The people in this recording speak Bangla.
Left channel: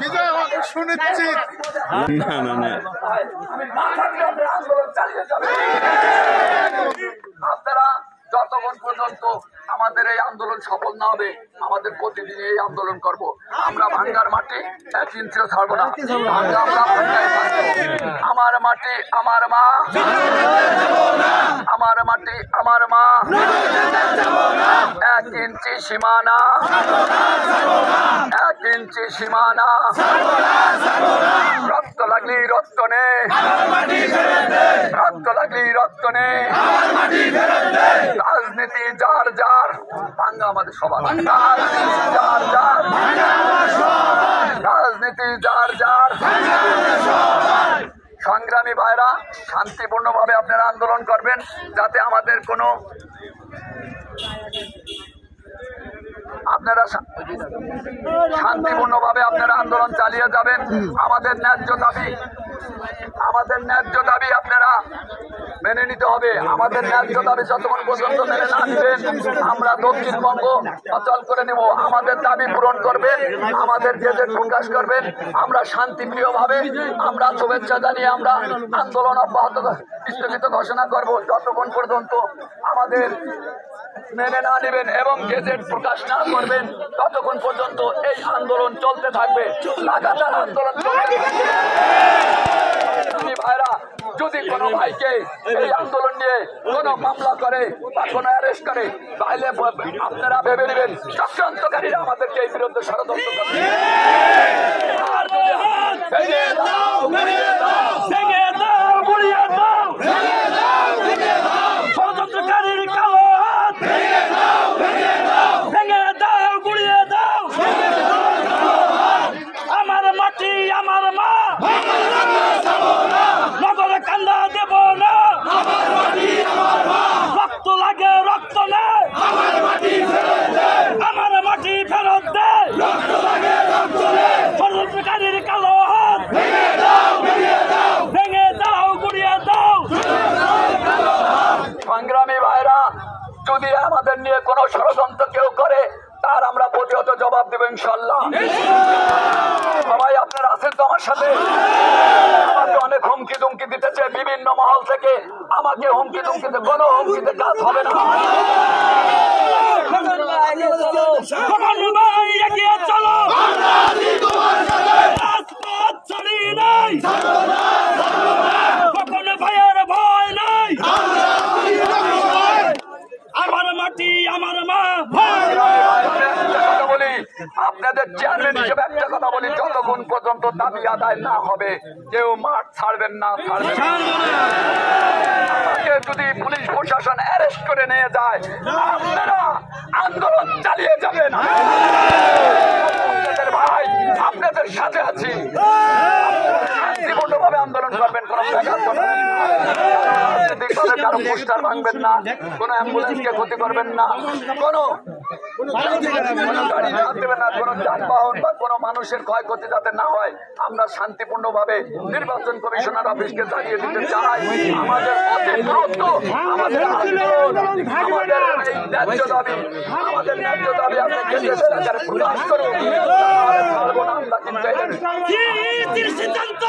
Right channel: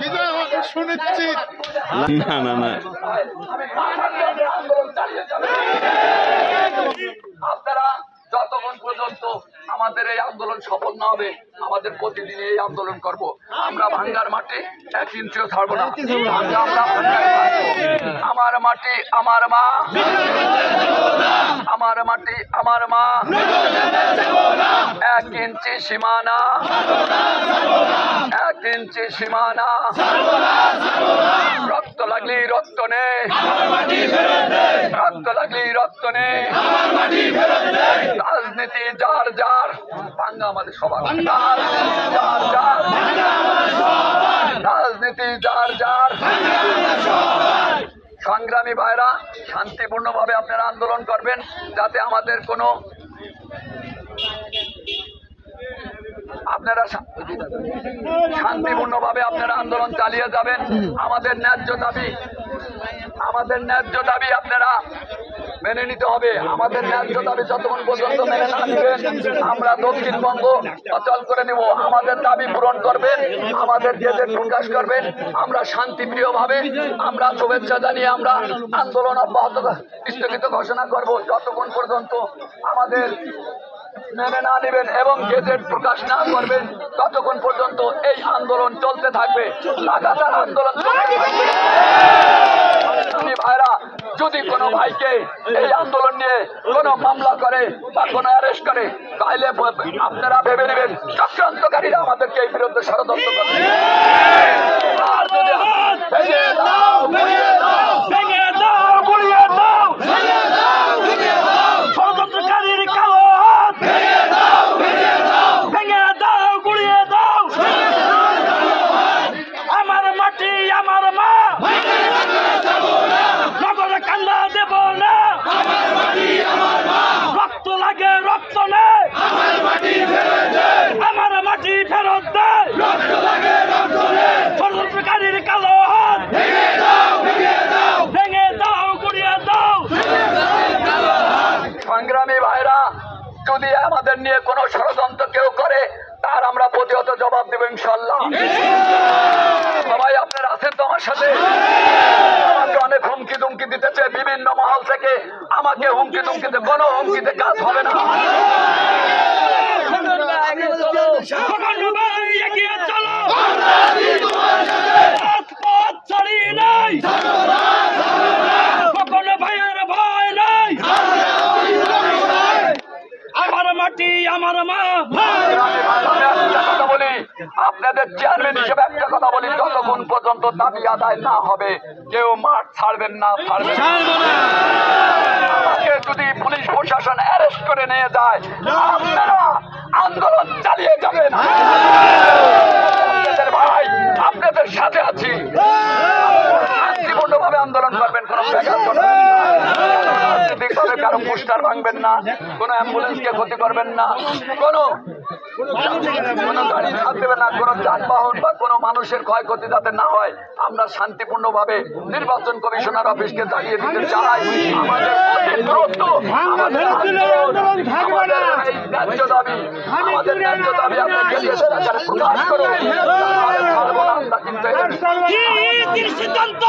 বিজয় সুনিশ্চিত। না না না, আন্দোলন চালিয়ে যাবে আপনারা যতক্ষণ পর্যন্ত আমাদের এই আন্দোলন সফল না হবে আমাদের প্রতিদিন এই আন্দোলন করব। আমরা ভাঙ্গার মাটি 1 ইঞ্চিও ছাড়বো না। আমরা ভাঙ্গায় থাকবো। আমার মাটি আমার মা, আমার মাটি আমার মা, 1 ইঞ্চি সীমানা, 1 ইঞ্চি সীমানা। রক্ত লাগলি রক্ত নে, রক্ত লাগলি রক্ত নে। রাজনীতি যার যার, ভাঙ্গা আমাদের সবার। রাজনীতি যার যার, রাজনীতি যার যার। সংগ্রামী ভাইরা, শান্তিপূর্ণভাবে আপনারা আন্দোলন করবেন, যাতে আমাদের কোনো আপনারা শান্তিপূর্ণভাবে আপনারা আন্দোলন চালিয়ে যাবেন। আমাদের ন্যায্য দাবি, আমাদের ন্যায্য দাবি আপনারা মেনে নিতে হবে। আমাদের ন্যায্য দাবি যতক্ষণ পর্যন্ত মেনে না নেবেন আমরা দক্ষিণবঙ্গ অচল করে নেব। আমাদের দাবি পূরণ করবেন, আমাদের গেজেট প্রকাশ করবেন। আমরা শান্তিপ্রিয়ভাবে আমরা শুভেচ্ছা জানিয়ে আমরা আন্দোলন অব্যাহত স্থগিত ঘোষণা করব যতক্ষণ পর্যন্ত আমাদের মেনে না নেবেন এবং গেজেট প্রকাশ না করবেন ততক্ষণ পর্যন্ত এই আন্দোলন চলতে থাকবে। লাগাতার আন্দোলন চলতে থাকবে। ভাইরা, যদি কোনো ভাইকে এই আন্দোলন নিয়ে কোনো মামলা করে বা কোনো অ্যারেস্ট করে তাহলে আপনারা ভেবে নেবেন চক্রান্তকারীরা আমাদেরকে এই বিরুদ্ধে ষড়যন্ত্র করবে। আর যদি ষড়যন্ত্রকারীর কালো আমার মাটি আমার মা, নগরে কান্দা দেব না। রক্ত লাগে রক্ত নেই, আমার মাটি ফেরত দে। ষড়যন্ত্রকারীর কালো হাত ভেঙে দাও, গুড়িয়ে দাও। সংগ্রামী ভাইরা, যদি আমাদের নিয়ে কোনো ষড়যন্ত্র কেউ করে তার আমরা প্রতিহত জবাব দেব ইনশাল্লাহ। সবাই আপনারা আছেন তো আমার সাথে? আমাকে অনেক হুমকি দুমকি দিতেছে বিভিন্ন মহল থেকে। আমাকে হুমকি দুমকিতে কোনো হুমকিতে কাজ হবে না। ভাইয়ের ভয় নাই, আমার মাটি আমার মা। একটা কথা বলি, আপনাদের চেয়ারম্যান হিসেবে একটা কথা বলি, যতক্ষণ পর্যন্ত দাবি আদায় না হবে কেউ মাঠ ছাড়বেন না, ছাড়বেন না। আমাকে যদি পুলিশ প্রশাসন অ্যারেস্ট করে নিয়ে যায় আপনারা আন্দোলন চালিয়ে যাবেন। আপনাদের ভাই আপনাদের সাথে আছি। শান্তিপূর্ণভাবে আন্দোলন করবেন, কোনো ব্যাঘাত করবেন না, রাজনৈতিকভাবে কারো পোস্টার ভাঙবেন না, কোনো অ্যাম্বুলেন্সকে ক্ষতি করবেন না, কোনো গাড়ি হাত দেবেন না, কোনো যানবাহন বা কোনো মানুষের ক্ষয়ক্ষতি যাতে না হয় আমরা শান্তিপূর্ণভাবে নির্বাচন কমিশনার অফিসকে জানিয়ে দিতে চাই। আমাদের ন্যায্য দাবি, আমাদের ন্যায্য দাবি আমরা গেজেটের আকারে প্রকাশ করুন, ছাড়বো না আমরা। কিন্তু সিদ্ধান্ত